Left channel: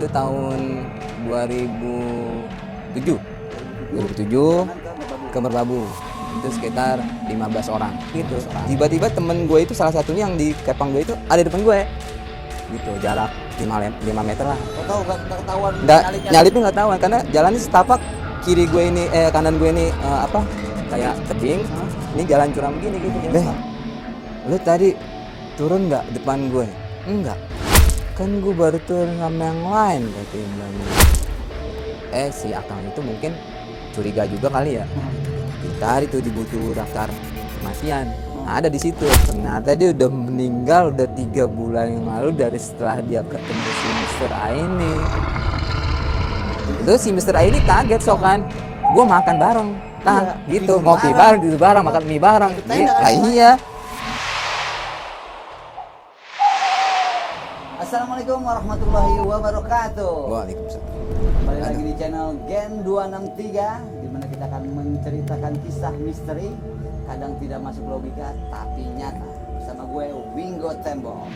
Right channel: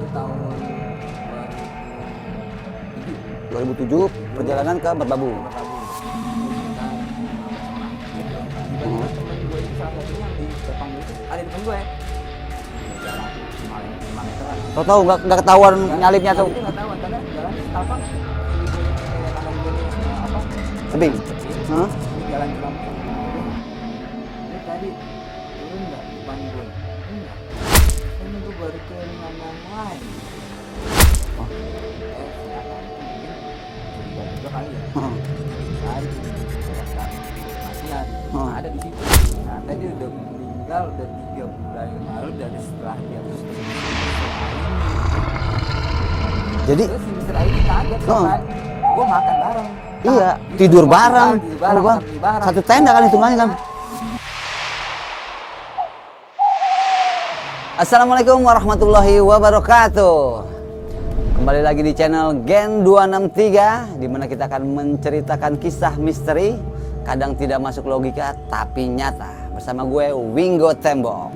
itu tahun 2007. 2007 perjalanan ke Merbabu. Ke Merbabu. Itu sekitar 15 orang gitu. Tiba-tiba temen gue itu salah satunya yang di kepang gue itu ada di depan gue. Gitu, jarak 5 meter lah. Tahu nggak ketahuan nyalipnya? Nyalipnya nggak tahuan karena jalannya setapak, kiri gue ini kanan gue ini tebing. Ini jalan curam begini gitu. Lu tadi turun nggak depan gue? Enggak. Kan gue baru turun sama yang lain katanya. Si Akang itu mungkin curiga juga kali ya. Tadi tuh diburu-buru daftar kematian. Ada di situ. Ternyata dia udah meninggal udah 3 bulan yang lalu dari setelah dia ketemu si Mr. A ini. Jadi terus si Mr. A ini kaget kan. Gue makan bareng. Iya, gitu, tidur bareng, makan mie bareng. Satu tenda kali semuanya. Iya. Assalamualaikum warahmatullahi wabarakatuh. Waalaikumsalam. Kembali lagi di channel Gen 263, di mana kita akan menceritakan kisah misteri, kadang tidak masuk logika tapi nyata. Bersama gue Wingo Tembok.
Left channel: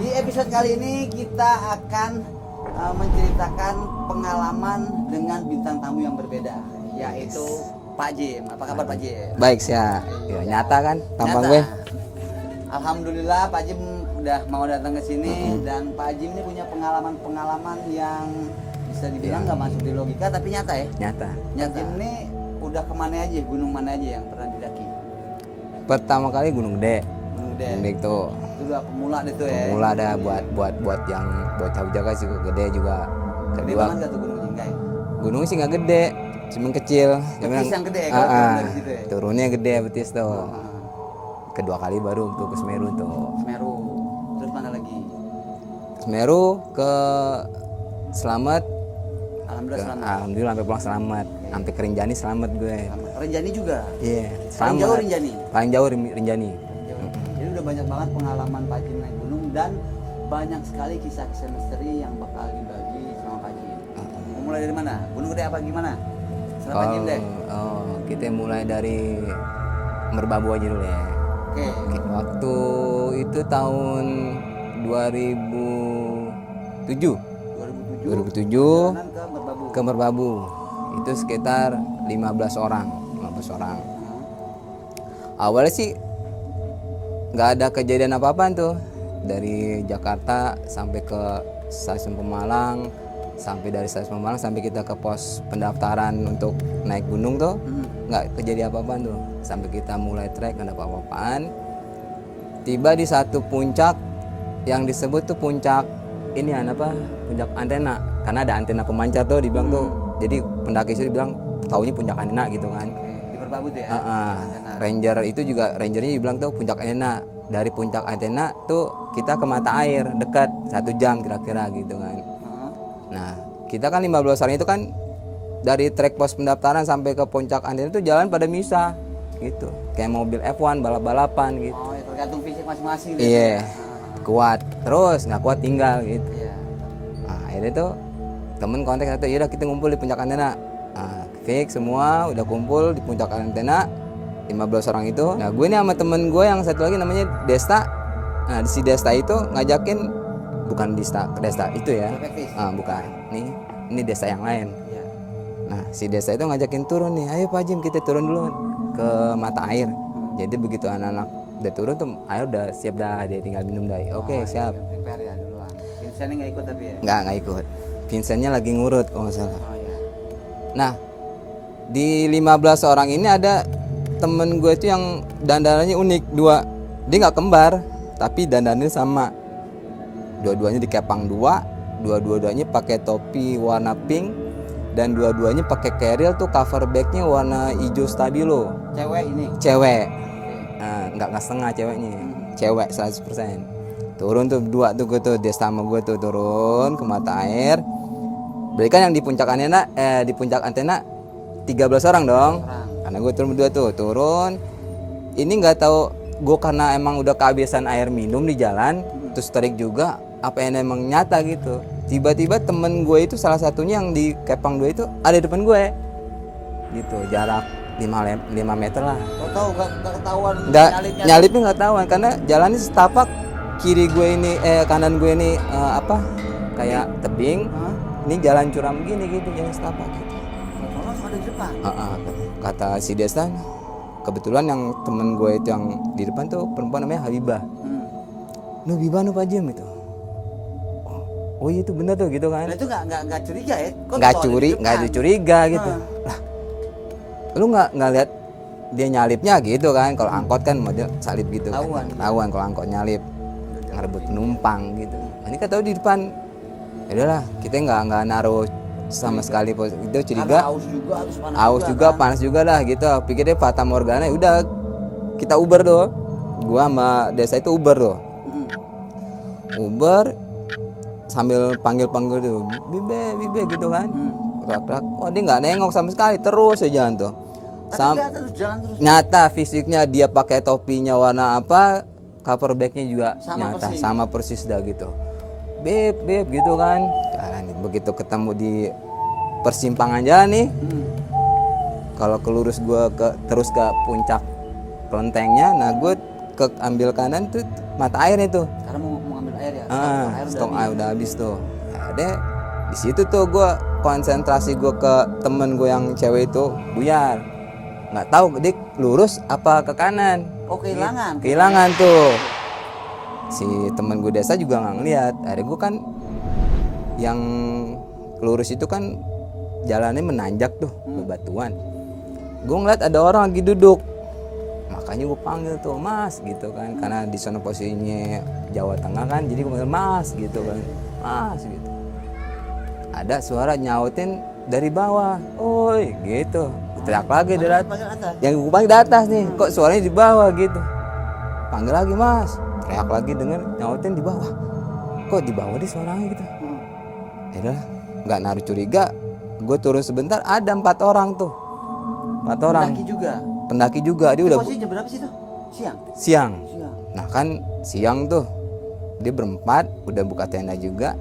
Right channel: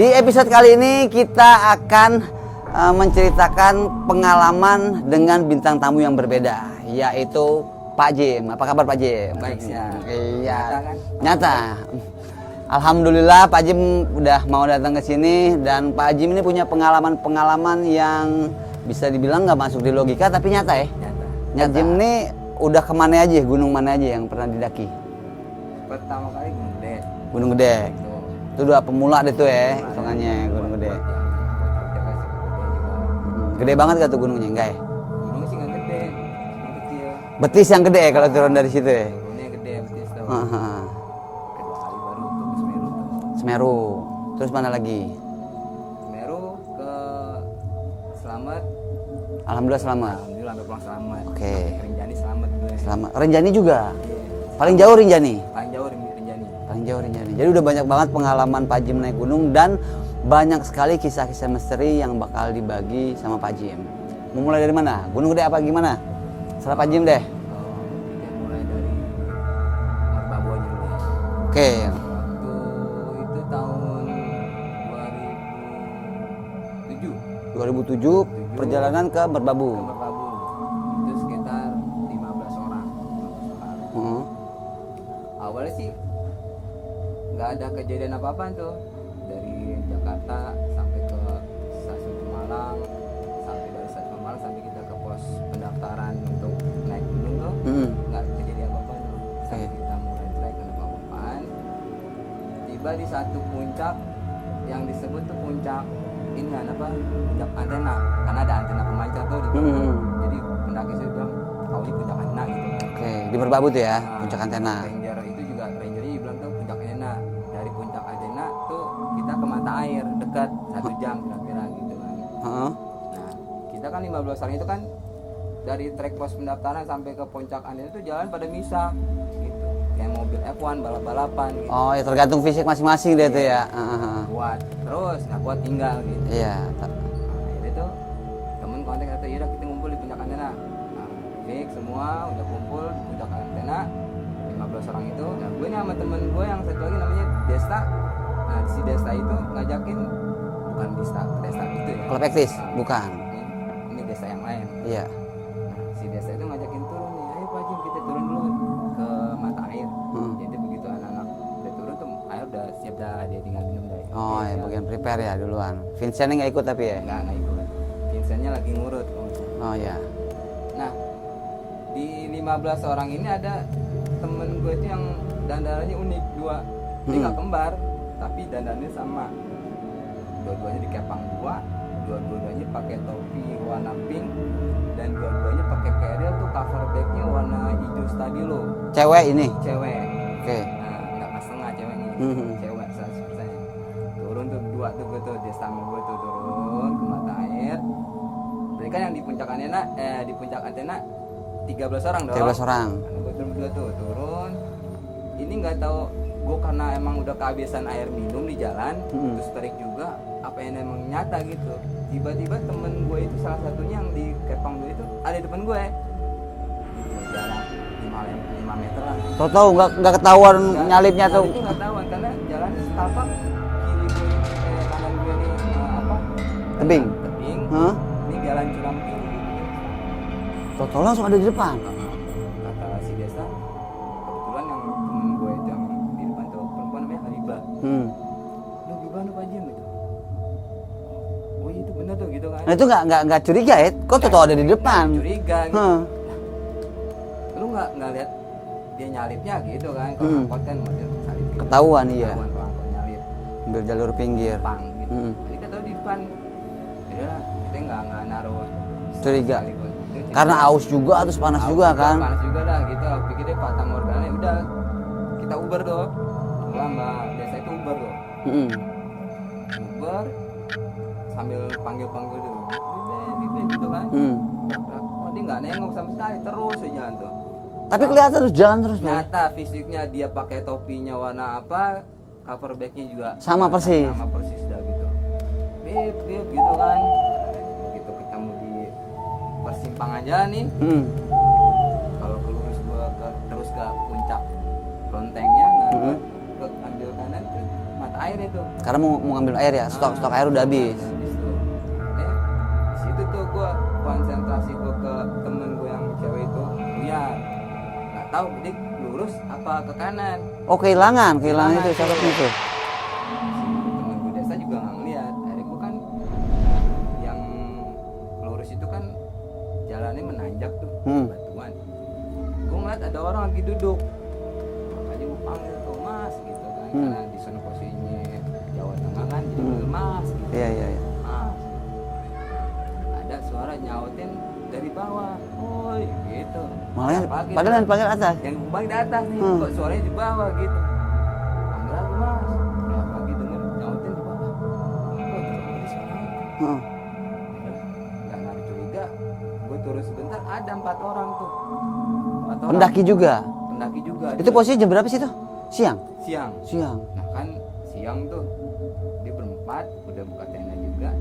Di episode kali ini kita akan menceritakan pengalaman dengan bintang tamu yang berbeda, yaitu Pak Jim. Apa kabar Pak Jim? Baik sih ya. Nyata kan? Nyata. Alhamdulillah Pak Jim udah mau datang ke sini, dan Pak Jim ini punya pengalaman-pengalaman yang bisa dibilang nggak masuk di logika tapi nyata ya. Nyata. Pak Jim ini udah kemana aja, gunung mana aja yang pernah didaki? Pertama kali Gunung Gede. Gunung Gede. Itu udah pemula deh tuh ya. mulai ada buat yang buat tahu jaga sih gede juga. Gede banget gak tuh gunungnya, enggak ya? Gunung sih nggak gede, cuman kecil. Betis yang gede ya kalau turun dari situ ya? Turunnya gede betis tuh. Kedua kali baru untuk ke Semeru tuh. Semeru. Terus mana lagi? Semeru ke Selamat. Alhamdulillah selamat. Alhamdulillah sampai pulang selamat. Oke. Sampai ke Rinjani selamat gue. Selamat. Rinjani juga? Iya. Paling jauh Rinjani? Paling jauh Rinjani. Paling jauh Rinjani. Jadi udah banyak banget pengalaman Pak Jim naik gunung, dan banyak sekali kisah-kisah misteri yang bakal dibagi sama Pak Jim. Mau mulai dari mana? Gunung Gede apa gimana? Serah Pak Jim deh. Kita mulai dari Merbabu aja dulu ya. Oke. Waktu itu tahun 2007. 2007 perjalanan ke Merbabu. Ke Merbabu. Itu sekitar 15 orang. Awalnya sih nggak ada kejadian apa-apaan tuh. Dari Jakarta sampai ke stasiun Pemalang, dari stasiun Pemalang sampai kita ke pos pendaftaran untuk naik gunung tuh, nggak kejadian apa-apaan tuh. Sampai kita mulai trek nggak ada apa-apaan. Tiba di satu puncak yang disebut tuh puncak ini puncak antena, karena ada antena pemancar tuh dibilang tuh. Jadi pendaki itu dibilang taunya puncak antena gitu kan. Oke, di Merbabu tuh ya, puncak antena. Rangernya dibilang tuh puncak antena. Dari puncak antena tuh kita ke mata air dekat 1 jam kira-kira gitu kan. Nah, kita kan 15 orang itu kan dari trek pos pendaftaran sampai ke puncak antena itu jalan pada misah gitu. Kayak mobil F1 balap-balapan gitu. Oh ya, tergantung fisik masing-masing deh tuh ya. Kuat terus, nggak kuat tinggal gitu. Iya. Nah, akhirnya tuh temen kontak satu, yaudah kita ngumpul di puncak antena. Nah, fix semua udah kumpul di puncak antena 15 orang itu. Nah, gue nih sama temen gue yang satu lagi namanya Desta. Nah, si Desta itu ngajakin, bukan Desta itu ya. Perspektif, bukan. Ini Desta yang lain. Iya. Nah, si Desta itu ngajakin turun nih. Ayo Pak Jim, kita turun dulu ke mata air. Jadi begitu anak-anak udah turun tuh air udah siap dah, dia tinggal minum dah. Oke, siap. Ya, prepare ya duluan. Vincentnya nggak ikut tapi ya? Nggak ikut. Vincentnya lagi ngurut kalau nggak salah. Oh ya. Nah, di 15 orang ini ada temen gue itu yang dandanannya unik, 2. Dia nggak kembar, tapi dandanannya sama. Dua-duanya dikepang 2, dua-duanya pakai topi warna pink, dan dua-duanya pakai carrier tuh cover bagnya warna hijau stabilo. Cewek ini? Cewek. Oke. Nah, nggak setengah ceweknya. Cewek 100%. Turun tuh 2 tuh gue tuh, dia sama gue tuh turun ke mata air. Berikan yang di puncak antena, 13 orang dong. 13 orang. Karena gue turun berdua tuh, turun. Ini nggak tahu gue karena emang udah kehabisan air minum di jalan, terus terik juga, apa yang emang nyata gitu. Tiba-tiba temen gue itu salah satunya yang di kepang 2 itu ada di depan gue gitu, jarak 5 meter lah. Tahu nggak ketahuan nyalipnya tuh? Nyalipnya nggak tahuan karena jalannya setapak, kiri gue ini kanan gue ini kayak tebing. Ini jalan curam begini gitu, jalan setapak gitu. Tahu langsung ada di depan. Kata si Desa, kebetulan yang temen gue itu yang di depan tuh perempuan namanya Habibah. Nu Habibah nu Pak Jim gitu. Oh iya itu benar tuh gitu kan. Nah itu nggak curiga ya? Kok tahu ada di depan? Nggak curiga gitu. Lah, lu nggak lihat dia nyalipnya gitu kan? Kalau angkot kan model salip gitu. Ketahuan iya. Ketahuan kalau angkot nyalip. Jalur pinggir. Penumpang gitu. Ini kan tahu di depan. Ya udahlah, kita nggak naruh sama sekali itu curiga. Karena aus juga terus panas juga kan. Panas juga lah gitu. Pikirnya Fata Morgana, udah kita Uber tuh. Gua sama Desa itu Uber tuh. Uber sambil panggil tuh, bibe gitu kan. Oh dia nggak nengok sama sekali, terus aja jalan tuh. Tapi kelihatan terus jalan terus. Nyata fisiknya dia pakai topinya warna apa, cover bagnya juga sama nyata, persis. sama persis dah gitu. Beb gitu kan. Begitu ketemu di persimpangan jalan nih, kalau kelurus gue terus ke puncak kelentengnya, nah gue ke ambil kanan tuh mata air itu. Karena mau ngambil air ya, stok air udah habis. Udah habis tuh. Ada di situ tuh gue konsentrasi gue ke temen gue yang cewek itu buyar. Nggak tahu dia lurus apa ke kanan. Oh kehilangan tuh. Si temen gue Desa juga nggak ngeliat. Akhirnya gue kan yang lurus itu kan jalannya menanjak tuh, batuan. Gue ngeliat ada orang lagi duduk. Makanya gue panggil tuh Mas gitu kan, karena di sana posisinya Jawa Tengah kan, jadi gue panggil Mas gitu. Mas gitu. Ada suara nyautin dari bawah, oi gitu. Teriak lagi panggil atas. Yang gue panggil di atas nih, kok suaranya di bawah gitu. Panggil lagi Mas, teriak lagi denger nyautin di bawah. Kok di bawah dia suaranya gitu. Ya udah, nggak naruh curiga. Gue turun sebentar, ada 4 orang tuh. 4 orang. Pendaki juga. Dia itu udah posisi jam berapa sih tuh? Siang. Nah kan siang tuh dia berempat, udah buka tenda juga.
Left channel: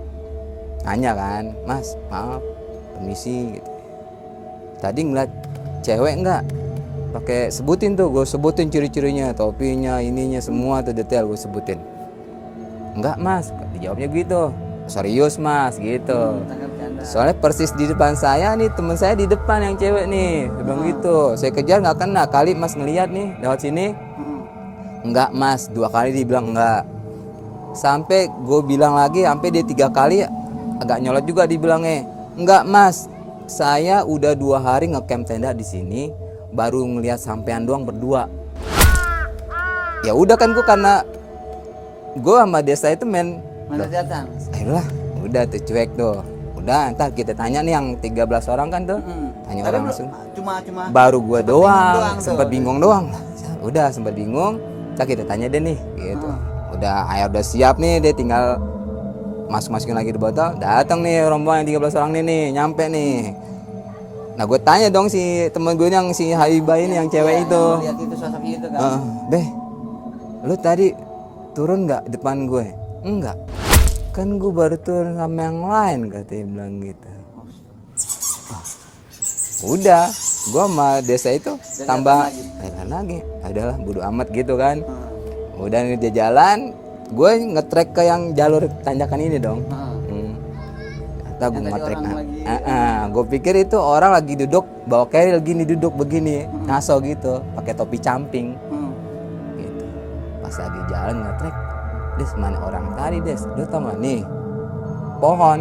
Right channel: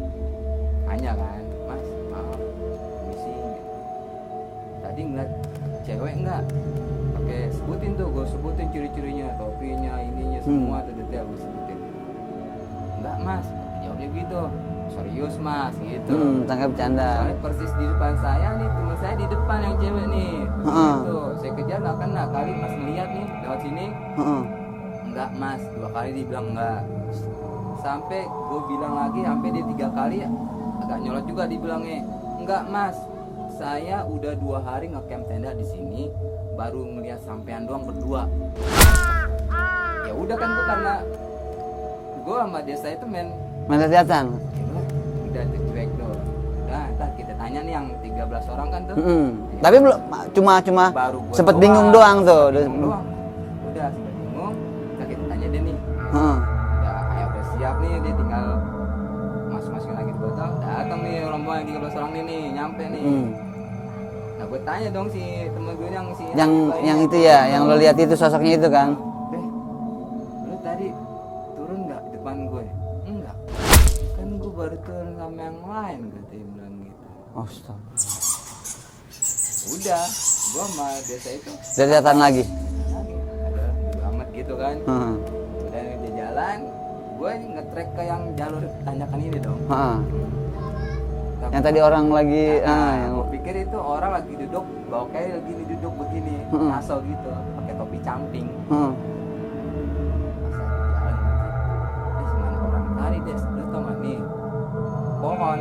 Nanya kan, Mas maaf, permisi gitu. Tadi ngeliat cewek nggak? Pakai sebutin tuh, gue sebutin ciri-cirinya, topinya, ininya semua tuh detail gue sebutin. Enggak Mas, dijawabnya gitu. Serius Mas gitu. Tangkap bercanda. Soalnya persis di depan saya nih, temen saya di depan yang cewek nih, gitu. Saya kejar nggak kena, kali Mas ngeliat nih lewat sini. Enggak Mas, 2 kali dibilang enggak. Sampai gue bilang lagi, sampai dia 3 kali agak nyolot juga dibilangnya. Enggak Mas, saya udah 2 hari ngecamp tenda di sini, baru ngeliat sampean doang berdua. Ya udah kan gue karena gue sama Desa itu main kelihatan. Ayolah, udah tuh cuek tuh. Udah, ntar kita tanya nih yang 13 orang kan tuh. Tanya tapi belum, cuma baru gua sempet bingung doang tuh. Sempet bingung doang. Udah sempet bingung. Ntar kita tanya deh nih. Gitu. Udah air udah siap nih, dia tinggal masukin lagi di botol. Datang nih rombongan 13 orang nih, nyampe nih. Nah gue tanya dong si temen gue yang si Habibah ini yang cewek itu. Yang lo lihat itu sosoknya itu kan. Beh, lu tadi turun nggak depan gue? Enggak, kan gue baru turun sama yang lain, katanya bilang gitu. Udah, gue sama Desa itu datang lagi, adalah bodo amat gitu kan. Udah nih dia jalan, gue ngetrek ke yang jalur tanjakan ini dong. Yang tadi orang lagi, gue pikir itu orang lagi duduk bawa carrier gini, duduk begini, ngaso gitu, pakai topi camping. Gitu. Pas lagi jalan ngetrek, Des mana orang tadi Des, lu tau gak nih pohon,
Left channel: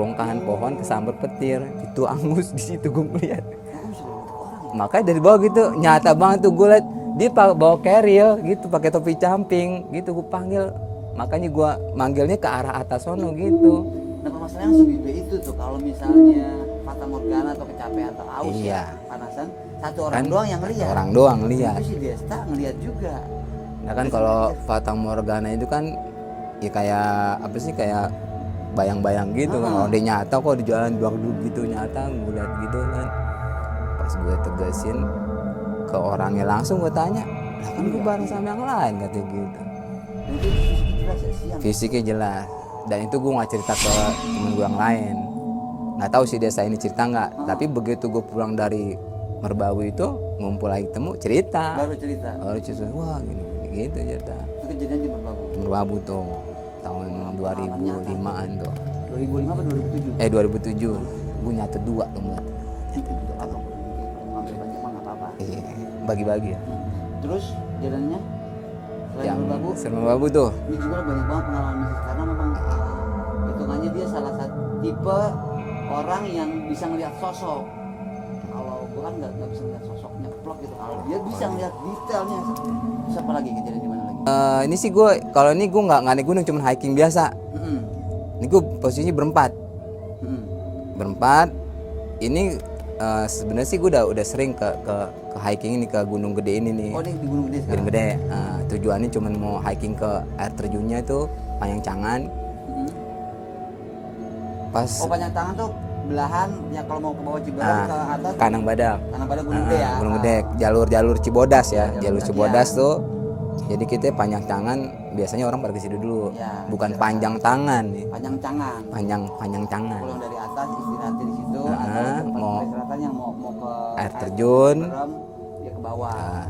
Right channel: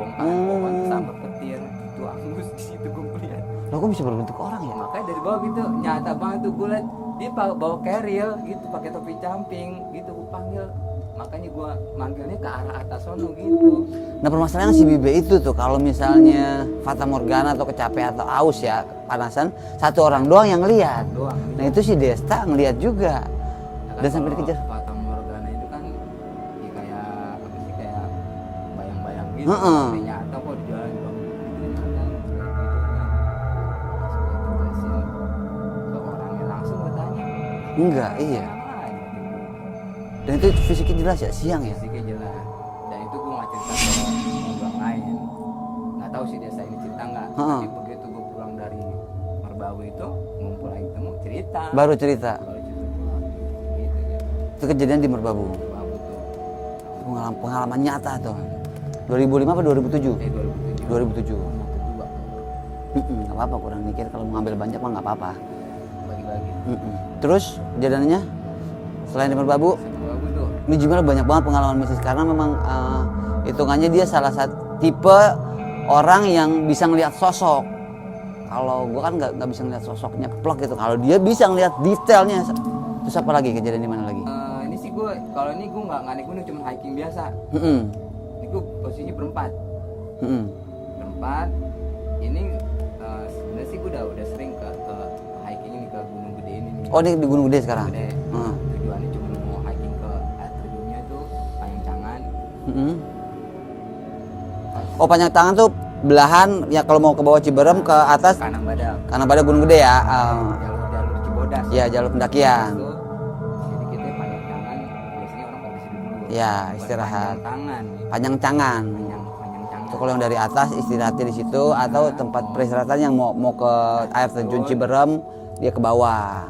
bongkahan pohon kesambet petir itu angus di situ gue ngeliat. Kok bisa berbentuk orang ya? Makanya dari bawah gitu nyata banget tuh gue liat dia bawa carrier gitu, pakai topi camping gitu. Gue panggil, makanya gue manggilnya ke arah atas sono gitu. Nah permasalahan si Bibe itu tuh kalau misalnya Fata Morgana atau kecapean atau aus ya panasan, satu orang doang yang ngeliat. Orang doang ngeliat. Nah, itu si Desta ngeliat juga. Nah kan kalau Fata Morgana itu kan ya kayak apa sih, kayak bayang-bayang gitu. Dia nyata kok di jalan duduk gitu, nyata ngeliat gitu kan. Pas gue tegasin ke orangnya langsung gue tanya, enggak iya yang lain katanya gitu. Dan itu fisiknya jelas ya, siang. Fisiknya jelas. Dan itu gue nggak cerita ke temen gue yang lain. Nggak tahu sih desa ini cerita nggak. Tapi begitu gue pulang dari Merbabu itu ngumpul lagi temu cerita. Baru cerita. Wah gitu cerita. Itu kejadian di Merbabu. Merbabu tuh. Pengalaman nyata tuh. 2005 apa 2007? 2007. 2007. Gue nyatu 2 tuh. Nggak apa-apa, kurang mikir kalau mau ngambil banyak mah nggak apa-apa. Bagi-bagi. Terus kejadiannya selain di Merbabu? Selain Merbabu tuh. Ini Jimal banyak banget pengalaman mistis karena memang hitungannya dia salah satu tipe orang yang bisa ngelihat sosok. Kalau gua kan nggak bisa ngelihat sosoknya keplok gitu. Kalau dia bisa ngelihat detailnya. Terus apa lagi kejadian di mana lagi? Ini sih gue, kalau ini gue nggak naik gunung, cuma hiking biasa. Ini gue posisinya berempat. Berempat. Ini sebenarnya sih gue udah sering ke hiking ini, ke Gunung Gede ini nih. Oh, ini di Gunung Gede sekarang? Gunung Gede. Tujuannya cuma mau hiking ke air terjunnya itu Panyangcangan. Pas Panjang Tangan tuh belahan ya kalau mau ke bawah Ciberem ke atas Kanang Badak. karena pada Gunung Gede ya. Gunung Gede, jalur Cibodas Ya, ya. jalur pendakian. Cibodas tuh. Jadi kita Panyangcangan biasanya orang pada ke situ dulu. Ya, bukan istirahat. Panjang Tangan. Panjang Tangan. Panjang Tangan. Kalau yang dari atas istirahatnya di situ atau tempat peristirahatan yang mau ke air terjun terjun. Ciberem dia ke bawah.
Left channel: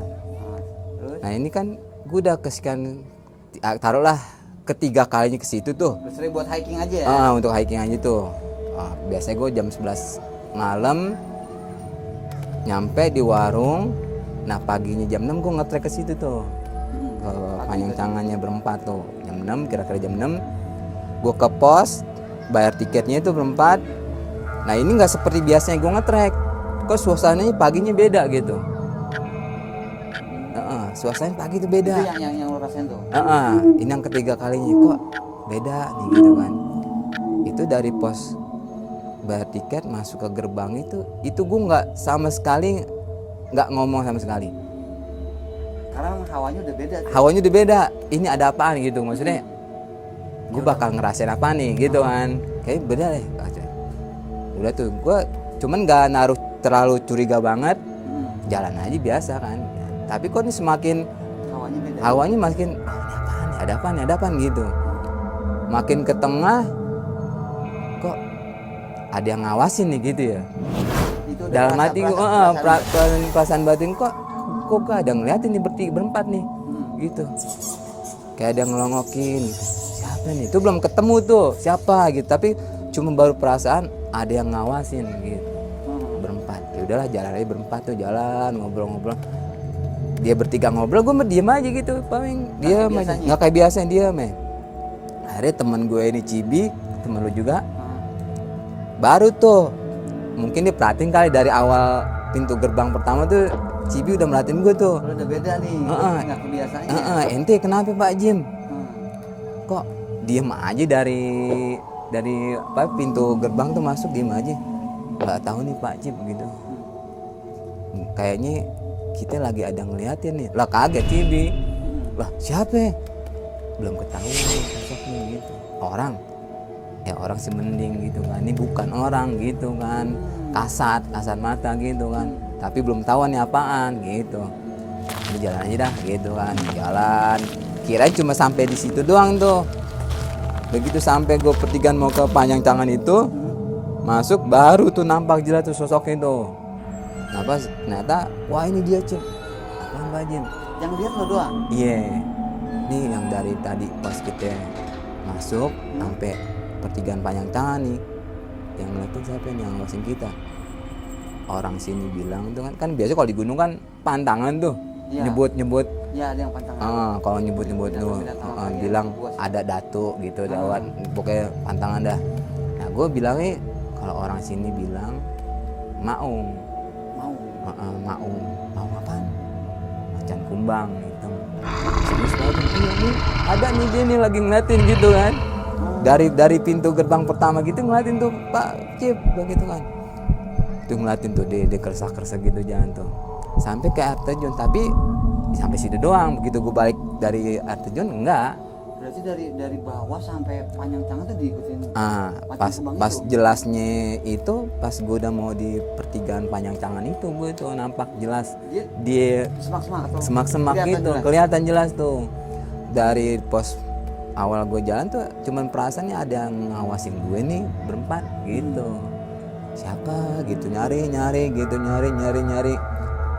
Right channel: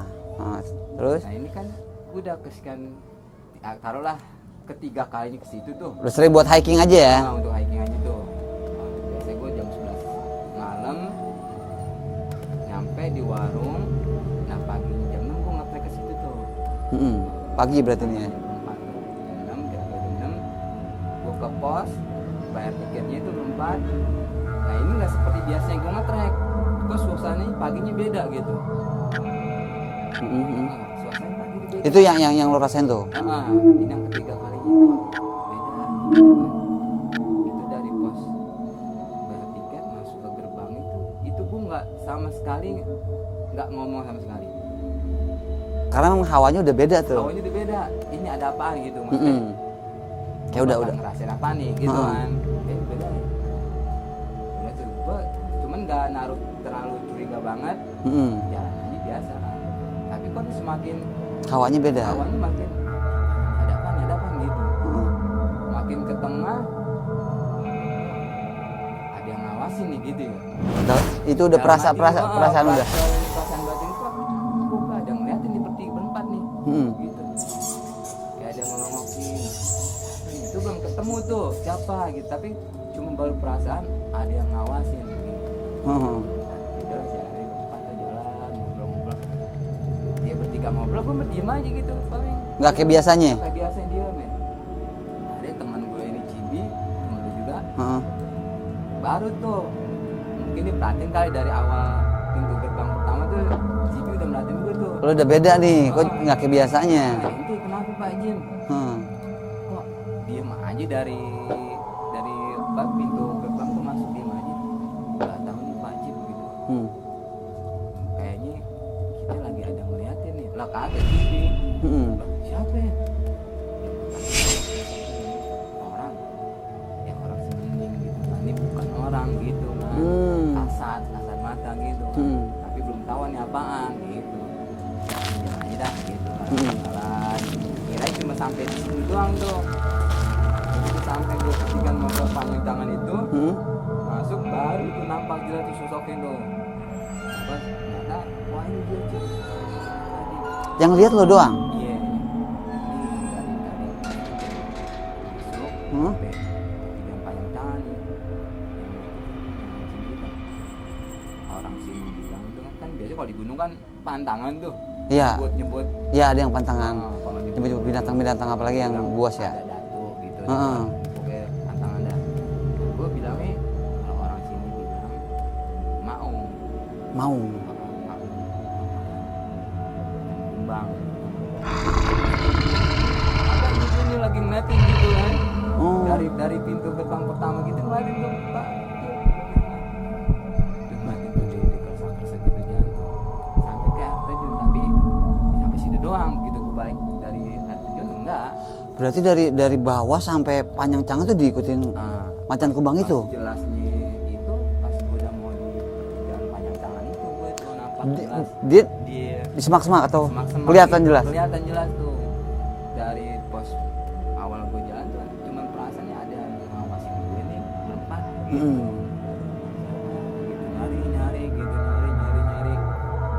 Terus Nah ini kan gue udah kesekian, taruhlah ketiga kalinya ke situ tuh. terus sering buat hiking aja ya. Untuk hiking aja tuh. Biasanya gue jam 11 malam nyampe di warung. Nah paginya jam 6 gue nge-trek ke situ tuh. Pagi berarti tangannya berempat tuh. Jam 6, kira-kira jam 6 gue ke pos, bayar tiketnya itu berempat. Nah ini nggak seperti biasanya gue nge-trek. Kok suasananya paginya beda gitu. Suasananya pagi itu beda. Itu yang lo rasain tuh. Ini yang ketiga kalinya kok beda nih gitu kan. Itu dari pos bayar tiket masuk ke gerbang itu gue nggak sama sekali nggak ngomong sama sekali. Karena memang hawanya udah beda tuh. Hawanya udah beda. Ini ada apaan gitu maksudnya. Gue Ya bakal ngerasain apa nih gitu kan. Kayak beda deh. Udah tuh gue cuman nggak naruh terlalu curiga banget. Jalan aja biasa kan. Tapi kok ini semakin Hawanya beda. Hawanya makin ada apaan gitu. Makin ke tengah kok ada yang ngawasin nih gitu ya. Itu udah Dalam hati gua, perasaan batin kok ada ngeliatin nih berempat nih. Gitu. Kayak ada yang ngelongokin. Siapa nih? Itu belum ketemu tuh siapa gitu. Tapi cuma baru perasaan ada yang ngawasin gitu. Berempat. Ya udahlah jalan aja berempat tuh, jalan ngobrol-ngobrol. Dia bertiga ngobrol, gue diem aja gitu, paling nggak kayak biasanya. Nggak kayak biasanya dia, Akhirnya teman gue di Cibi, teman lu juga, baru tuh, mungkin dia perhatiin kali dari awal pintu gerbang pertama tuh, Cibi udah merhatiin gue tuh. Lo udah beda nih, kok nggak kayak biasanya. Ente kenapa Pak Jim? Kok diem aja dari pintu gerbang tuh masuk diem aja. Nggak tahu nih Pak Jim gitu. Kayaknya kita lagi ada ngeliatin nih. Lah kaget Cibi. Lah siapa? Belum ketahuan sosoknya gitu. Orang. Ya orang sebening gitu kan. Ini bukan orang gitu kan. Kasat mata gitu kan. Tapi belum tahu nih apaan gitu. Jalan aja dah gitu kan. Jalan. Kirain cuma sampai di situ doang tuh. Begitu sampai gue pertigaan mau ke Panyangcangan itu, masuk baru tuh nampak jelas tuh sosoknya tuh. Ternyata wah ini dia Cip. Yang lihat lo doang? Iya. Ini yang dari tadi pas kita masuk sampai pertigaan Panyangcangan nih. Yang ngeliatin siapa nih yang ngawasin kita? Orang sini bilang tuh kan biasa kalau di gunung kan pantangan tuh. Iya. Nyebut. Iya ada yang pantangan. Kalau nyebut binatang apalagi yang bilang buas ya? ada datu gitu kan. Pokoknya pantangan dah. Nah gue bilangnya kalau orang sini bilang mau apaan? Macan kumbang gitu. Ada nih dia nih lagi ngeliatin gitu kan. Dari pintu gerbang pertama gitu ngeliatin tuh Pak Cip begitu kan. Tuh ngeliatin tuh dia kerasa gitu jalan tuh. Sampai ke air terjun tapi sampai situ doang. Begitu gue balik dari air terjun enggak. Berarti dari bawah sampai Panyangcangan tuh diikutin macan kumbang itu? Pas jelasnya itu pas gue udah mau di pertigaan Panyangcangan itu gue tuh nampak jelas. Dia di semak-semak atau semak-semak kelihatan gitu, jelas? Kelihatan jelas tuh. dari pos awal gue jalan tuh cuman perasaannya ada yang ngawasin gue nih berempat gitu. Siapa gitu, nyari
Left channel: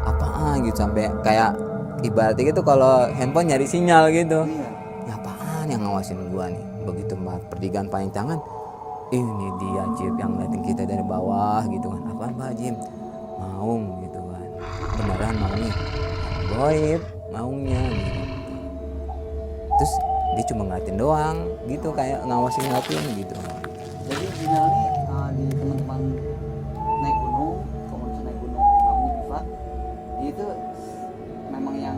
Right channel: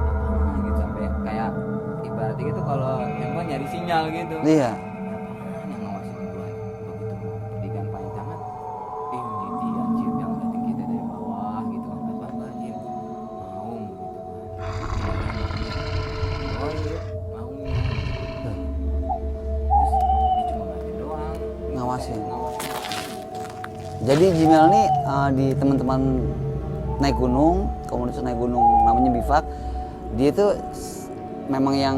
apaan gitu, sampai kayak ibaratnya gitu kalau handphone nyari sinyal gitu. Iya. Ya apaan yang ngawasin gue nih. Begitu pertigaan paling tangan, ini dia Jim yang ngeliatin kita dari bawah gitu kan. Apaan Pak Jim? Maung gitu kan. Beneran maunya. Goib maunya gitu. Terus dia cuma ngeliatin doang gitu, kayak ngawasin gitu. Jadi Jimel nih di teman-teman naik gunung, komunitas naik gunung namanya Bivak, dia tuh memang yang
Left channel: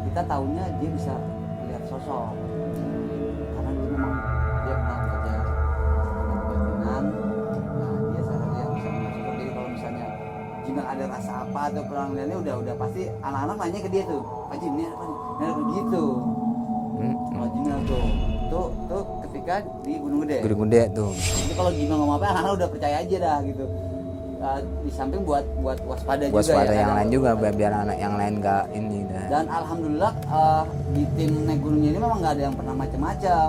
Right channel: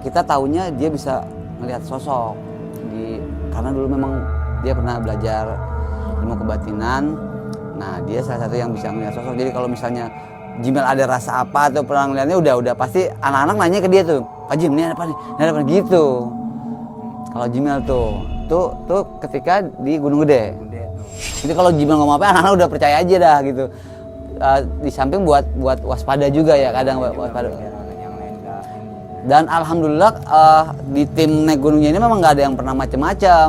kita taunya dia bisa melihat sosok karena dulu memang dia pernah belajar ilmu kebatinan. Nah dia salah satu yang bisa melihat sosok. Jadi kalau misalnya Jimel ada rasa apa atau pernah ngeliatnya, udah pasti anak-anak nanya ke dia tuh, Pak Jim ini ada apa nih, ini ada apa gitu. Kalau Jimel tuh ketika di Gunung Gede. Gunung Gede tuh. Jadi kalau Jimel ngomong apa, anak-anak udah percaya aja dah gitu. Di samping buat waspada juga ya kadang juga biar anak yang lain gak ini. Dan alhamdulillah di tim naik gunungnya ini memang nggak ada yang pernah macam-macam.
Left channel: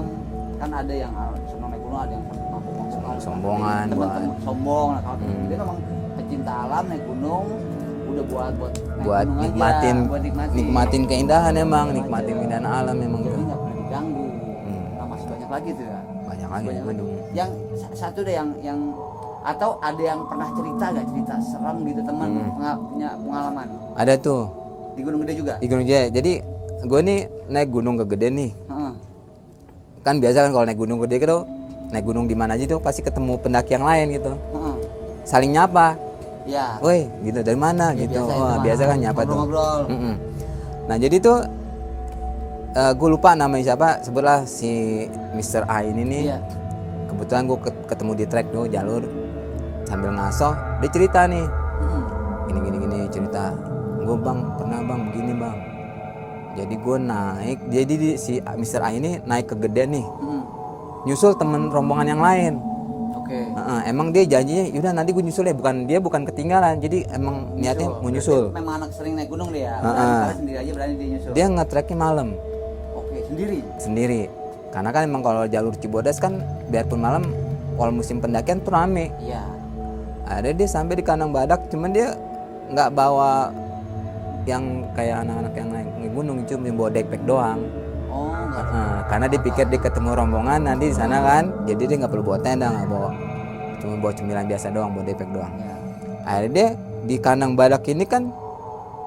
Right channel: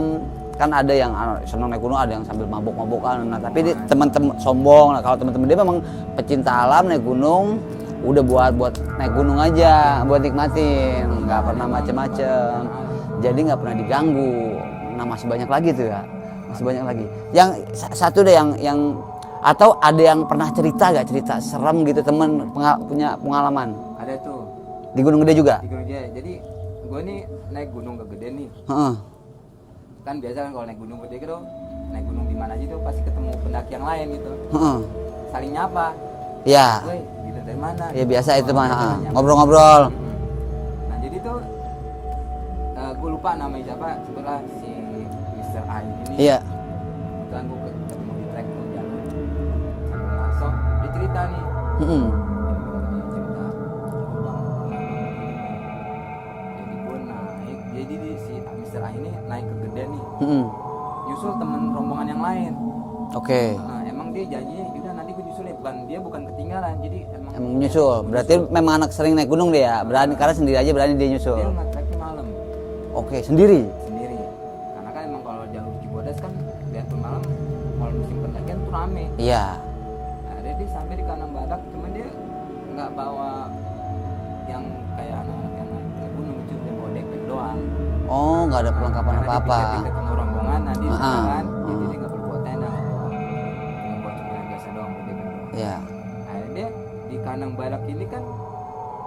Kan ada yang senang naik gunung, ada yang sambil mabok-mabokan. Nah, tapi teman-teman sombong. Nah, kalau teman-teman dia memang pecinta alam naik gunung, udah buat naik gunung aja, buat nikmatin keindahan emang, macam-macam. Alam memang. Jadi nggak pernah diganggu. Nah masih banyak lagi tuh ya. Masih banyak lagi. Yang satu deh yang atau ada yang pernah cerita serem gitu temen punya pengalaman. Ada tuh di Gunung Gede juga. Di Gunung Gede. Jadi gue nih naik gunung ke Gede nih. Kan biasa kan kalau naik gunung Gede gitu, naik gunung di mana aja tuh pasti ketemu pendaki yang lain gitu. Saling nyapa. Ya. Woi, gitu dari mana? Ya gitu. biasa itu mah. Biasa kan nyapa. Ngobrol-ngobrol. Nah jadi tuh gue lupa namanya siapa, sebutlah si Mr. A ini nih. Iya. Kebetulan gue ketemu di trek gue jalur sambil ngaso, dia cerita nih. Gini cerita. Gue bang pernah bang begini bang. Jadi gue naik, jadi si Mr. A ini naik ke Gede nih. Nyusul temen rombongan yang lain. Oke. Emang dia janjinya, yaudah nanti gue nyusul ya, dia bukan ketinggalan, jadi emang nyusul. Berarti memang anak sering naik gunung dia, berani karena sendiri aja berani dia nyusul. Dia nge-treknya malam. Oke, sendiri. Karena kan emang kalau jalur Cibodas kan biarpun malam, kalau musim pendakian tuh rame. Iya. Ada dia sampai di Kandang Badak, cuman dia nggak bawa yang kayak anak-anak yang naik di gunung, cuma bawa backpack doang. Oh, nggak ada perlengkapan karena dia pikir dia ketemu rombongan nanti di sana kan, jadi dia nggak perlu bawa tenda, nggak bawa, cuma bawa cemilan biasa doang, bawa backpack doang. Iya. Akhirnya dia di Kandang Badak ini kan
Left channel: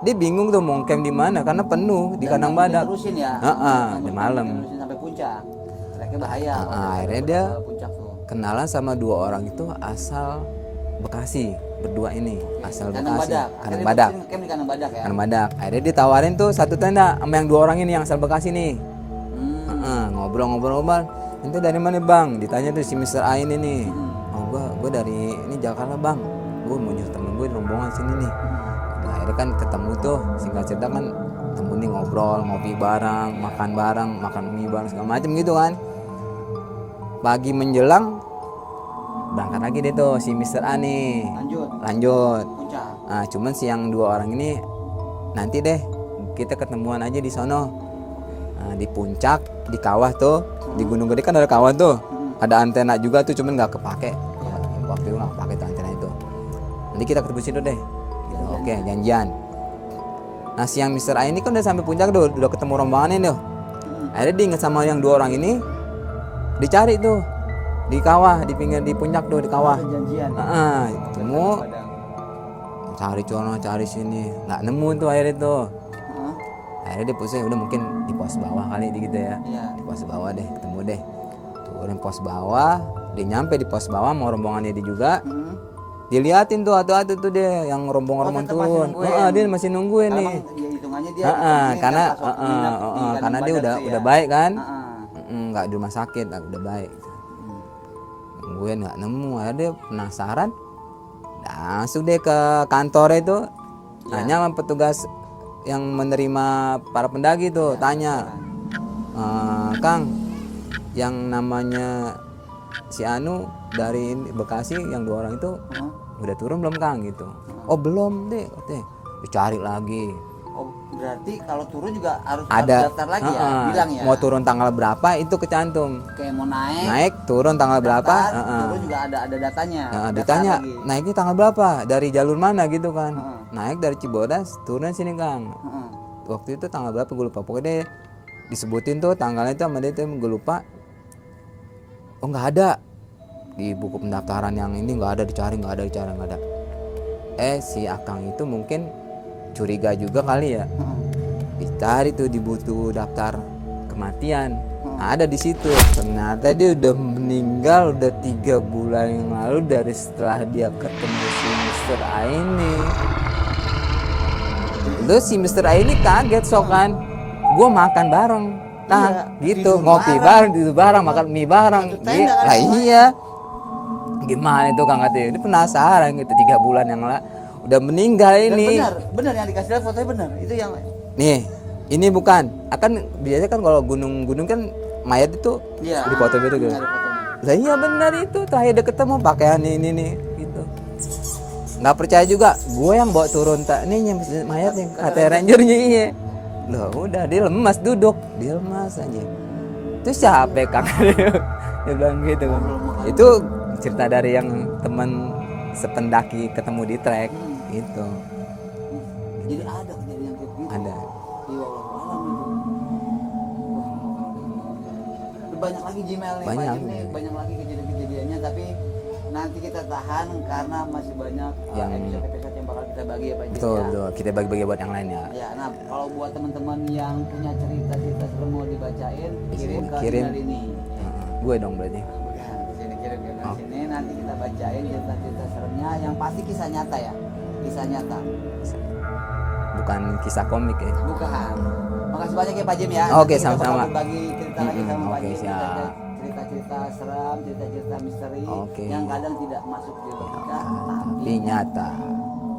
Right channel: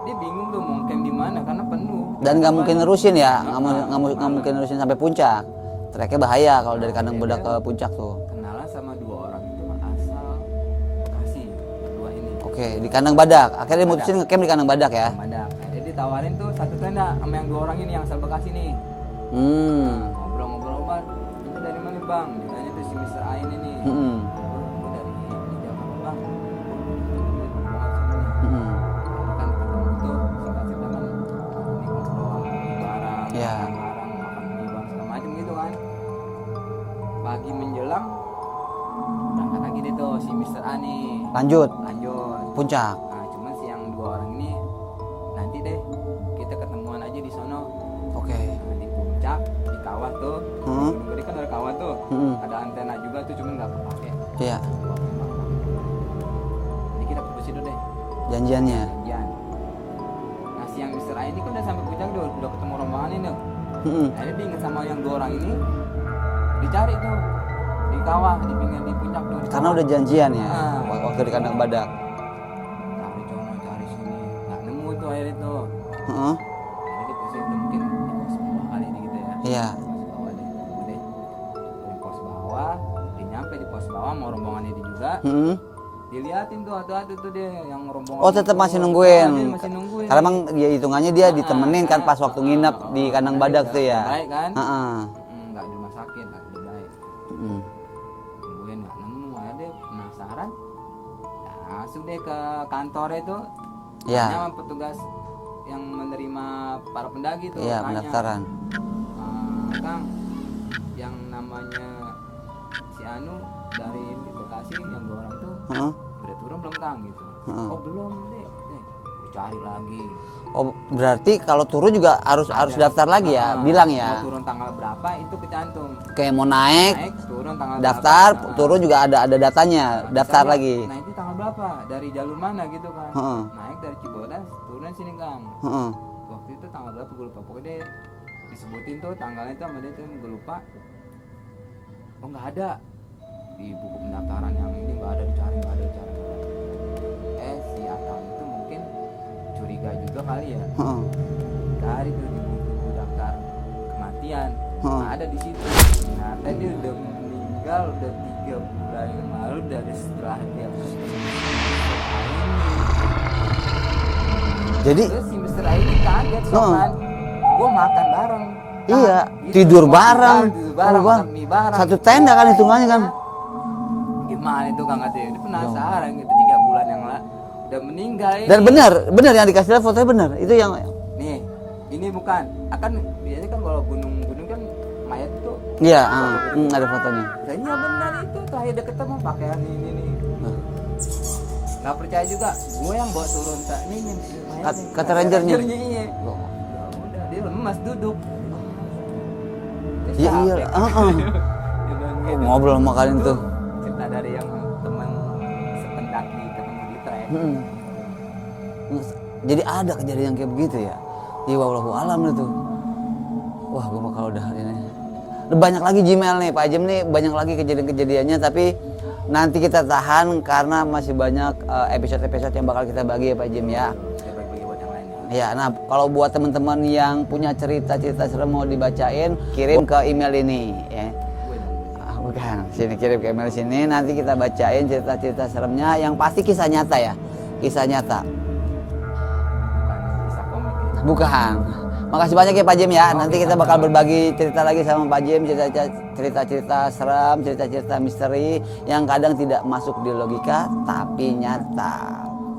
dia bingung tuh mau camp di mana karena penuh. Dan nggak mungkin nerusin ya, nggak mungkin nerusin sampai puncak. Treknya bahaya kalau dari Kandang Badak ke puncak tuh. Kenalan sama 2 orang itu asal Bekasi berdua ini. Oke, di Kandang Badak. Akhirnya mutusin nge-camp di Kandang Badak ya. Kandang Badak. Akhirnya ditawarin tuh satu tenda sama yang 2 orang ini yang asal Bekasi nih. Ngobrol-ngobrol. Itu dari mana bang? Ditanya tuh si Mr. A ini nih. Gue dari ini Jakarta bang. Gue mau nyusul temen gue rombongan sini nih. Nah, akhirnya kan ketemu tuh, singkat cerita kan ketemu nih ngobrol, ngopi bareng, makan bareng, makan mie bareng segala macem gitu kan. Pagi menjelang berangkat lagi deh tuh si Mr. A nih. Lanjut puncak. Nah cuman si yang 2 orang ini nanti deh kita ketemuan aja di sono. Oke. Nah, di puncak, di kawah tuh, di Gunung Gede kan ada kawah tuh. Ada antena juga tuh, cuman nggak kepake. Iya. Waktu itu nggak kepake tuh antena itu. Nanti kita ketemu situ deh. Janjiannya. Oke, janjian. Nah si yang Mr. A ini kan udah sampai puncak tuh, udah ketemu rombongannya tuh. Akhirnya dia inget sama yang 2 orang ini, dicari tuh di kawah, di pinggir di puncak tuh, di kawah. Karena udah janjian ya. Waktu di Kandang Badak. Cari cono, cari sini, nggak nemu tuh akhirnya tuh. Akhirnya dia pusing, udah mungkin di pos bawah kali gitu ya. Iya. Di pos bawah deh, ketemu deh. Turun pos bawah, dia nyampe di pos bawah mau rombongannya dia juga. Diliatin tuh atu-atu tuh deh yang rombongan. Oh tetap masih nungguin. Dia masih nungguin. Karena emang ya hitungannya dia ditemenin kan pas waktu nginep di Kandang Badak tuh ya. Udah baik kan? Nggak di rumah sakit, udah baik. Nungguin nggak nemu, akhirnya dia penasaran. Langsung deh ke kantor itu. Tanya sama petugas yang menerima para pendaki tuh, tanya. Kang, yang namanya si Anu dari Bekasi yang 2 orang itu udah turun belum Kang gitu? Oh belum deh, dicari lagi Oh, berarti kalau turun juga harus daftar lagi ya, Heeh. bilang ya. Mau turun tanggal berapa itu kecantum. Kayak mau naik, Naik, turun tanggal daftar, berapa. turun juga ada datanya, daftar Ditanya, lagi. naiknya tanggal berapa? Dari jalur mana gitu kan. Heeh. Naik dari Cibodas, turun sini Kang. Heeh. Waktu itu tanggal berapa gue lupa. Pokoknya disebutin tuh tanggalnya itu sama dia tuh gue lupa. Oh nggak ada. Di buku pendaftaran yang ini nggak ada, dicari nggak ada. Si Akang itu mungkin curiga juga kali ya. Heeh. Dicari tuh di buku daftar kematian. Nah, ada di situ. Ternyata dia udah meninggal udah 3 bulan yang lalu dari setelah dia ketemu si Mr. A ini. Jadi Terus si Mr. A ini kaget kan. Gue makan bareng. Iya, gitu, tidur ngopi bareng, tidur bareng, tidur makan mie bareng. Satu tenda kan hitungannya. Iya. Gimana itu Kang katanya? Itu penasaran gitu 3 bulan yang lalu udah meninggal ini. Dan benar yang dikasih lihat fotonya benar. Itu yang Nih, ini bukan. Akan biasanya kan kalau gunung-gunung kan mayat itu iya, di foto gitu. ada fotonya. Lah iya benar itu terakhir dia ketemu pakaian ini nih gitu. Nggak percaya juga, gue yang bawa turun tak nih yang mayatnya Kata kata rangernya iya. Oh. Loh udah dia lemas duduk, dia lemas aja. Itu Iya, capek iya. kan. Dia bilang gitu. Ngobrol sama kalian Itu tuh. cerita dari yang teman sependaki ketemu di trek gitu. Jadi ada kejadian kayak begitu ya. Iya, wallahu alam itu. Wah, gua kalau udah ini. Banyak lagi Gmail nih, Pak Jem nih banyak lagi kejadian-kejadiannya tapi nanti kita tahan karena masih banyak episode-episode yang bakal kita bagi ya Pak Jem ya. Tuh, kita bagi-bagi buat yang lainnya. Ya, nah kalau buat teman-teman yang punya cerita-cerita serem mau dibacain, kirim ke email ini ya. Gue dong berarti. Bukan, sini kirim ke email sini nanti kita bacain cerita-cerita seremnya yang pasti kisah nyata ya. Kisah nyata. Bukan kisah komik ya. Bukan. Makasih banyak ya Pak Jem ya. Nanti Oke, kita bakal sama-sama. berbagi cerita lagi sama Pak Jem, siap. cerita-cerita serem, cerita-cerita misteri Oke. yang kadang tidak masuk di logika tapi nyata.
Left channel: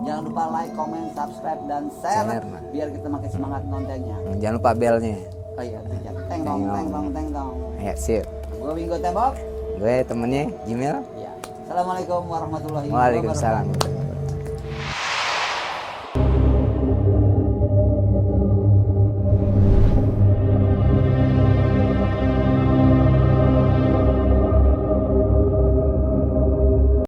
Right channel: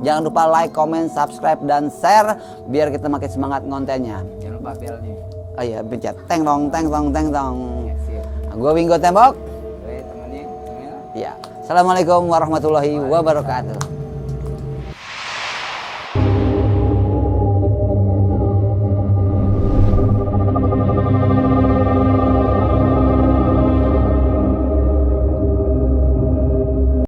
Jangan lupa like, comment, subscribe dan share biar kita makin semangat kontennya. Jangan lupa belnya. Oh iya, pencet teng tong teng tong teng tong. Ya, sip. Gua Winggo Tembok. Gue temennya Gmail. Ya. Assalamualaikum warahmatullahi Waalaikumsalam. wabarakatuh.